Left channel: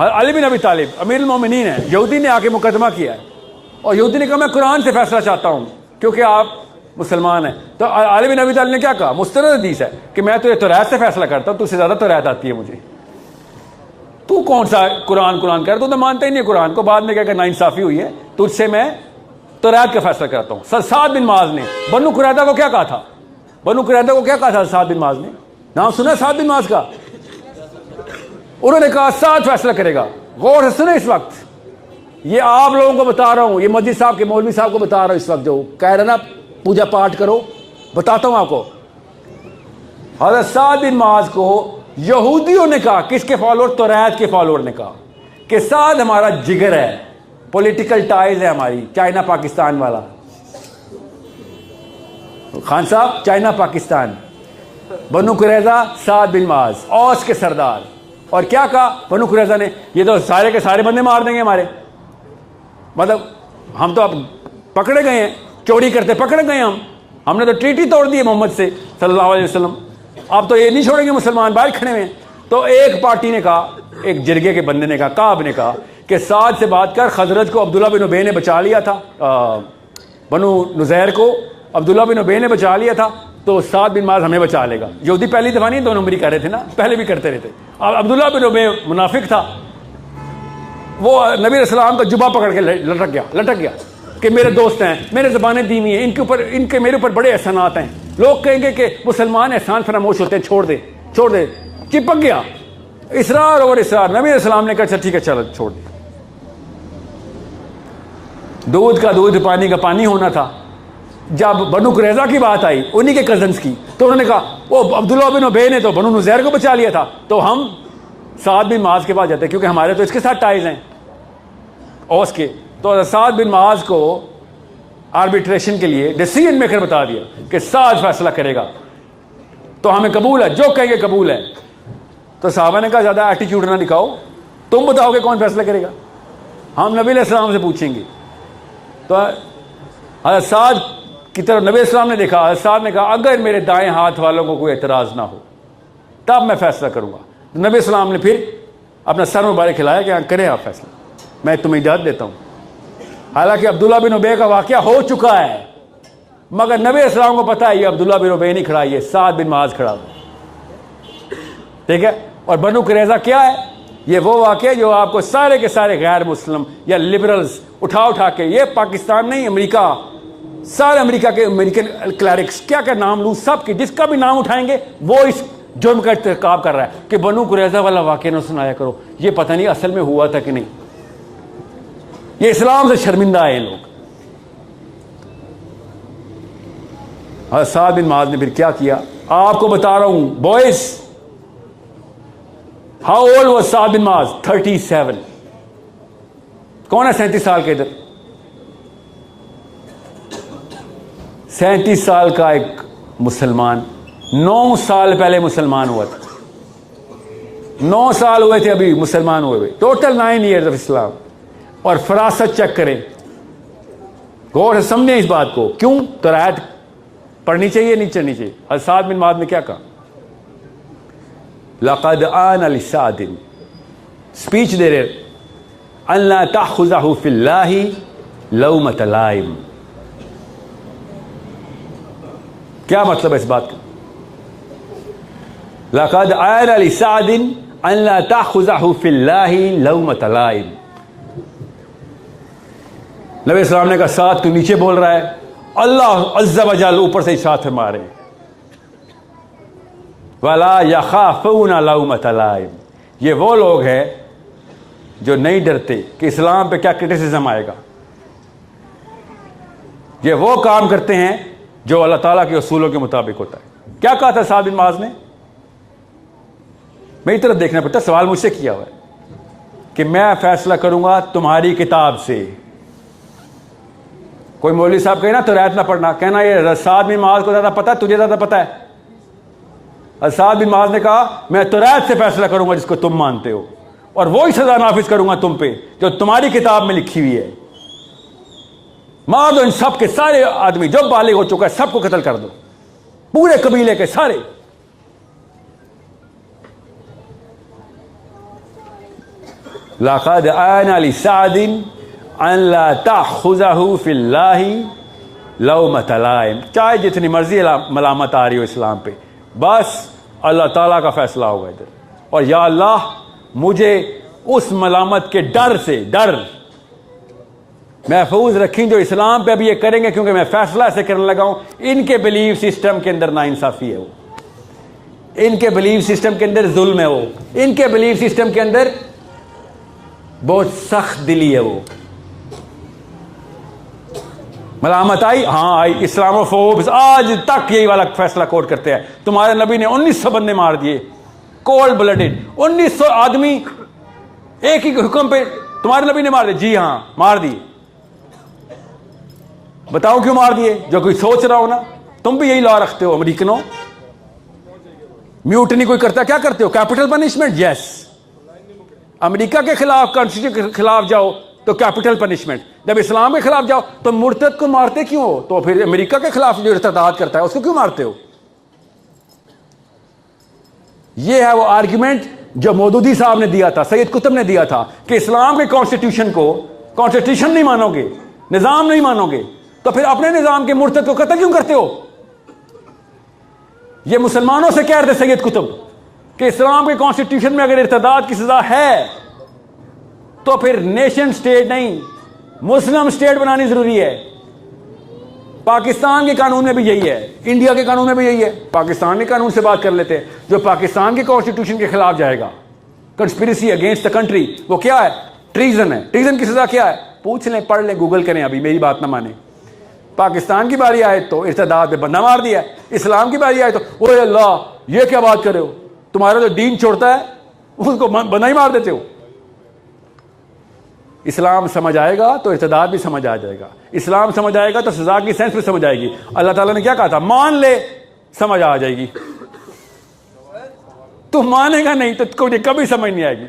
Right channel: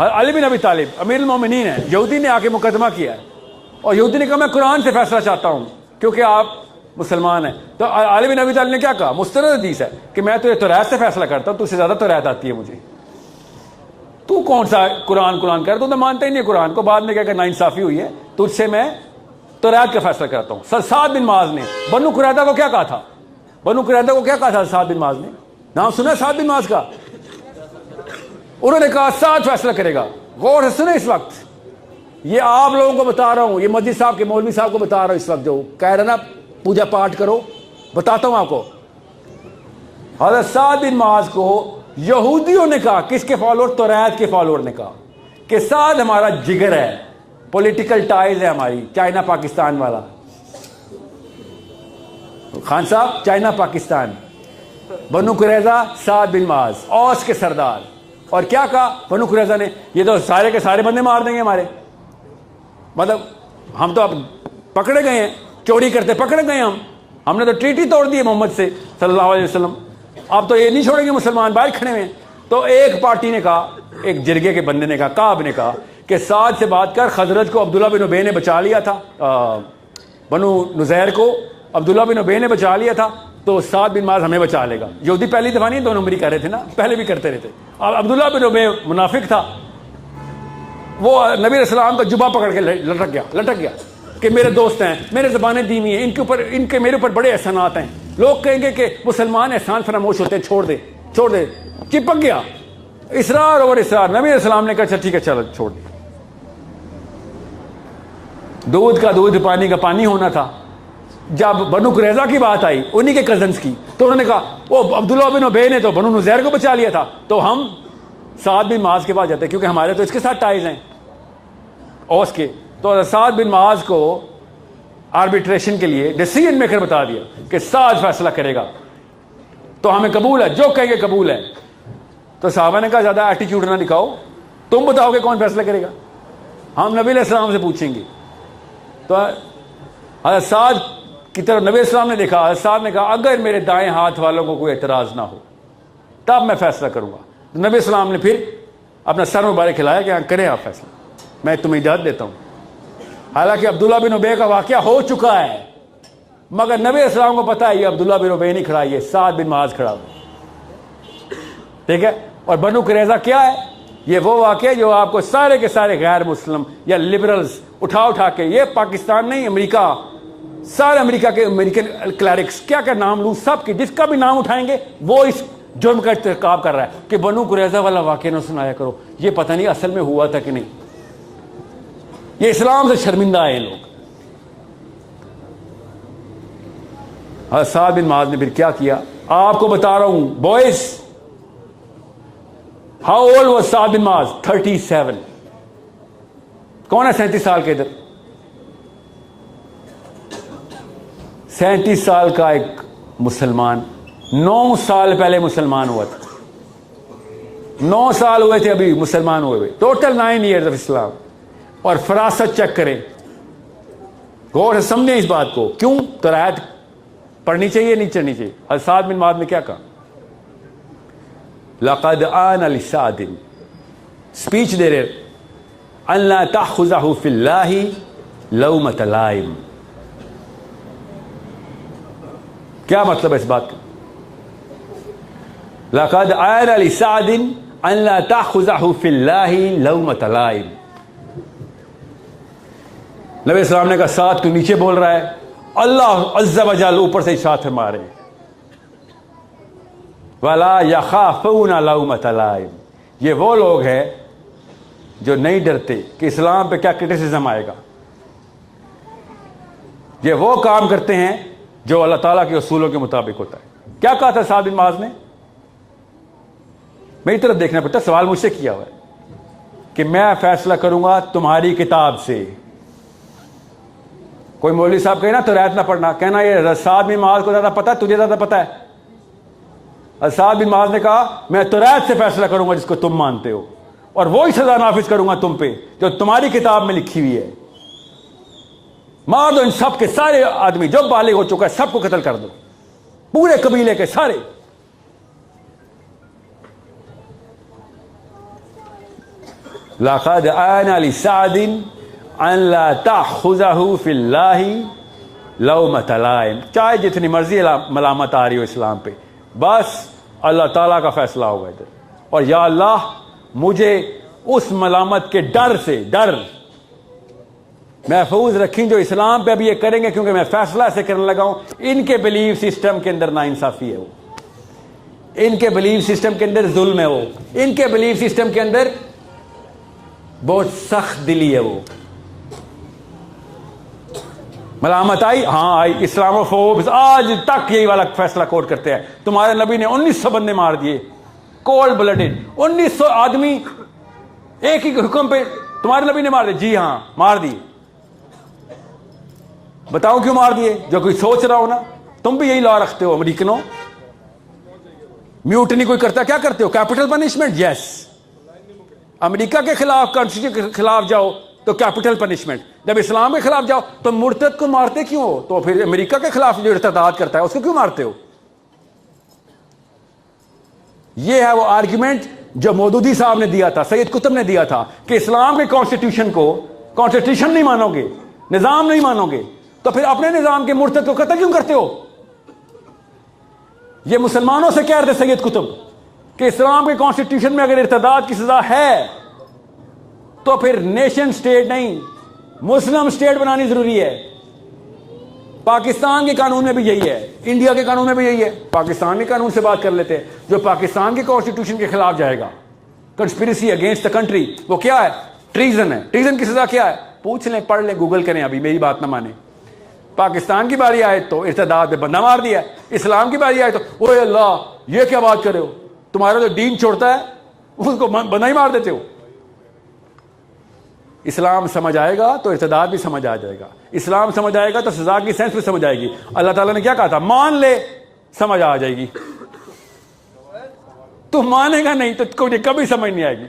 علی بن ابی طالب امیر المومنین ہے، یہودی نے آ کے مقدمہ کیا ہے اور یہودی نے کہا میں قرآن سے فیصلہ چاہتا ہوں کیونکہ آپ مسلمان ہیں. تو علی بن ابی طالب نے کیا کہا؟ مستند حدیث ہے کہ میں تجھے توریت سے فیصلہ کرتا ہوں، تجھ سے زیادہ توریت آتی ہے مجھے، تو کون سا قرآن کر تو مانتا ہی نہیں قرآن کو. بعد میں کہا کہ ناانصافی ہوئی ہے، تجھ سے میں توریت کا فیصلہ کرتا ہوں. سعد بن معاذ نے بنو قریظہ کو کیا کہا تھا؟ بنو قریظہ کو کیا کہا تھا سعد بن معاذ نے؟ نام سنا ہے سعد بن معاذ کا؟ انہوں نے کہا سعد فیصلہ کرے گا. غور سے سنیں اس وقت، یہ آپ لوگوں کو بتا رہا ہوں، یہ مسجد صاحب کے مولوی صاحب کو بتا رہا ہوں اس وقت، جو کہہ رہے نا پوجا پاٹ کرو، بتاتا ہوں آپ کو. حضرت سعد بن معاذ کو یہودیوں نے کہا، کس کے فالوور؟ توریت کے فالوور نے کہا کہ سعد ہمارا جگر ہے، پولیٹیکل ٹائز ہے ہماری، چائنا پاکستان والا. خان صاحب چائنا پاکستان، بنو قریظہ سعد بن معاذ اوس کے سردار. اور کیا کہا بنو قریظہ نے؟ یہ تو سارے کے سارے بندے مار دیں گے ہمارے، مطلب ہم تو اب پکڑے گئے ہیں، چوری کرتے پکڑے گئے ہم نے تو ٹریٹی توڑ دی ہے محمد سے صلی اللہ علیہ وسلم، آپ تو یہ نہیں چھوڑیں گے مسلمان باہر کھڑے ہوئے. تو ایک پارٹی نے کہا، ایک جرگے کے بندے نے کہا، کعب نے کہا کہ سعد سے بات کر، خزرج کو عبداللہ بن ابی نے بچا لیا تھا، بنو نزیر کو عبداللہ بن ابی نے بچا لیا تھا، تو سعد بن معاذ ہمیں بچا لے گا. یہودی پہلی دفعہ نہیں 2 نمبری کر رہے تھے نا، پہلے بھی کرتے رہتے. اب عبداللہ بن ابی منافق تھا، وہ نبی علیہ السلام کا جبہ پکڑ کے لٹک گیا کہ میرے دوست ہیں، میرے زبانیں دی ہوئی ہیں، ان کے میرے اوپر بڑے احسانات ہیں، لوگ کہیں گے کہ مسلمان احسان فراموش ہوتے ہیں، چھوڑ دے. چپک گیا، اصرار اور اصرار. نبی علیہ السلام نے کہا اچھا ٹھیک ہے چلو چھوڑ دیا. دودھ کا دودھ پانی کا پانی ہونا تھا. جب بنو قریظہ کی بات آئی انہی کے کزنز کی، تو انہوں نے کہا وہ عبداللہ بن ابی نے تو بنو نزیر کو بچا لیا تھا، تو ہم سعد بن معاذ کے پاس جاتے ہیں کیونکہ ہمارے تو اس کے ساتھ ٹائز ہیں اوس کے. تو سعد بن معاذ کو آربیٹریشن کے لیے ڈیسیژن میکر بتا دیا کہ سعد فیصلہ کرے گا، تو ہمیں قبول ہے، جو کہیں گے قبول ہے. تو صحابہ نے کہا زیادہ ایٹیٹیوڈ نہ دکھاؤ، تم بتاؤ گے کون فیصلہ کرے گا، ہم نبی علیہ السلام سے پوچھیں گے. تو حضرت سعد کی طرف نبی علیہ السلام نے دیکھا، حضرت سعد نے کہا اگر میرے دائیں ہاتھ والوں کو کوئی اعتراض نہ ہو تب میں فیصلہ کروں گا. نبی علیہ السلام نے پھر اپنا سر مبارک ہلایا کہ کریں آپ فیصلہ، میں تمہیں اجازت دیتا ہوں. حالانکہ عبداللہ بن ابی کا واقعہ ہو چکا ہے، مگر نبی علیہ السلام کو پتا ہے یہ عبداللہ بن ابی نہیں کھڑا، یہ سعد بن معاذ کھڑا ہے. ٹھیک ہے. اور بنو قریظہ کیا ہے؟ یہ وہ واقعہ جو آپ کو سارے کے سارے غیر مسلم یا لبرلز اٹھا کے، یہ پاکستان نہیں امریکہ، سارے امریکہ کے امریکن کلیرکس کیا نام لوں، سب کے جس کا بھی نام اٹھائیں گے وہ اس جرم کا ارتکاب کر رہا ہے کہ بنو قریظہ والا واقعہ نہ سنایا کرو. یہ پتہ نہیں اصل میں ہوا تھا کہ نہیں. یہ اسلام سے شرمندہ ہے لوگ. حضرت سعد بن معاذ نے پھر کیا کیا آپ کو بتا رہا ہوں بوائز. ہاؤ اولڈ واز سعد بن معاذ؟ 37. کون ہے 37 سال کے ادھر؟ 37 سال کا ایک مسلمان 9 سال پہلے مسلمان ہوا تھا، 9 سال ہوئے تھے ابھی مسلمان ہوئے، ٹوٹل 9 ایئرز آف اسلام. اور فراست چیک کریں، غور سے سمجھیں اس بات کو. کیوں توریت پڑھنی چاہیے نہیں چڑھنی چاہیے؟ حضرت سعد بن معاذ نے کیا کہا؟ لقد آن لسعد، اسپیچ دے رہے، ان لا تأخذہ فی اللہ لومۃ لائم. کیا مطلب ہے اس بات کا؟ لقد آن لسعد ان لا تأخذہ فی اللہ لومۃ لائم. نبی السلام نے کہا سعد تو نیچے بول رہا ہے، اللہ عز و جل اوپر سے ارشاد فرما رہے وَلَا يَخَافُونَ لَوْمَةَ لَائِمٍ. یہ وہ لوگ ہیں جو نہیں ڈرتے کہ اسلام پہ کیا کرٹیسزم آئے گا. یہ وہ کام کرتے ہیں جو اللہ تعالیٰ کے اصولوں کے مطابق ہوتا ہے. کیا کہا تھا سعد بن معاذ نے؟ میری طرف دیکھنا پڑتا، سوال مجھ سے کیا ہوا ہے کہ میں فیصلہ کروں گا تمہاری کتاب سے. کوئی مولوی صاحب کہے نا تو توریت نہ پڑھنا، کہنا یہ سعد بن معاذ کو زیادہ پتا ہے، تجھے زیادہ پتا ہے. سعد بن معاذ نے کہا میں توریت سے فیصلہ کروں گا جس کو تم مانتے ہو، اور وہی سزا نافذ کروں گا تم پہ جو تمہاری کتاب میں لکھی ہوئی ہے. مار دو ان سب کے سارے آدمی جو بالغ ہو چکا ہے، سب کو قتل کر دو، پورے قبیلے کے سارے. لقد آن لسعد ان لا تأخذه فی اللہ لومۃ لائم. چاہے جتنی مرضی ملامت آ رہی ہو اسلام پہ، بس اللہ تعالیٰ کا فیصلہ ہوگا ادھر. اور یا اللہ مجھے اس ملامت کے ڈر سے محفوظ رکھیں جو اسلام پہ اب یہ کریں گے، کیونکہ میں فیصلہ ایسے کرنے لگا ہوں ان کے بلیف سسٹم کے اندر ناانصافی ہے، وہ ان کے بلیف سسٹم کے اندر ظلم ہے، وہ ان کے بلیف سسٹم کے اندر بہت سخت دلی ہے. وہ ملامت آئی، ہاں آئی. اسلامو فوبز آج تک یہی والا فیصلہ کوٹ کرتے ہیں. تمہارے نبی نے 1900 بندے مار دیے، کولڈ بلڈڈ. 1900 آدمی ایک ہی حکم پہ تمہارے نبی نے مار دیے. جی ہاں مار دیے. بتاؤ کیوں مار دیے؟ جو کوئی سوچ رہا ہو نا. تم بھی یہی لا رکھتے ہو امریکنوں. میوٹنی کوئی کرتا کیا کرتے ہو؟ Capital punishment. یس. امریکہ کے خلاف، کانسٹیٹیوشن کے خلاف جاؤ تو کیپٹل پنشمنٹ. جب اسلام کے خلاف جاؤ تو مرتد کو مارتے کیوں ہو؟ تو پھر امریکہ کے خلاف جو ارتداد کرتا ہے اس کو کیوں مارتے ہو؟ یہ ہے وہ آرگیومنٹ جو مودودی صاحب نے دیا تھا، سید قطب نے دیا تھا کہ اسلام کے کانسٹیٹیوشن کو کانسٹیٹیوشن نہیں مانو گے، نظام نہیں مانو گے، تو پھر اپنے نظام کے مرتد کو قتل کیوں کرتے ہو؟ یہ مسلمانوں سے کہہ رہے تھے سید قطب کہ اسلام کے کانسٹیٹیوشن میں اگر ارتداد کی سزا ہے تو پھر نیشن سٹیٹ نہیں، مسلم سٹیٹ بنانی ضروری ہے. پاکستان کے قانون میں بھی یہی ہے، انڈیا کے قانون میں بھی یہی ہے. پاکستان کے قانون سے بات کر لیتے ہیں. جو پاکستان کے کانسٹیٹیوشن کے خلاف جائے گا، کنسپیریسی اگینسٹ دا کنٹری، وہ کیا ہے؟ ٹریزن ہے. ٹریزن کی سزا کیا ہے؟ پوچھ لیں، پڑھ لیں، گوگل کریں، ابھی میری بات نہ مانیں. پاکستان کی باری آئے تو ارتداد پہ بندہ مار دیا. اسلام کی باری آئے تو اوہ اللہ یہ کیا بات کر رہے ہو، تمہارا جو دین چھوڑتا ہے اس کو بندہ ہی مار دیتے ہو. اسلام سمجھ آئے گا تو ارتداد بھی سمجھ آ جائے گا. اسلام سمجھ آئے گا تو سزا کی سینس بھی سمجھ آئے گی. اللہ تعالیٰ نے کیا کہا تھا؟ مان لے، سمجھ آ جائے گی. تو مانے گا نہیں تو کبھی سمجھ نہیں آئے گی.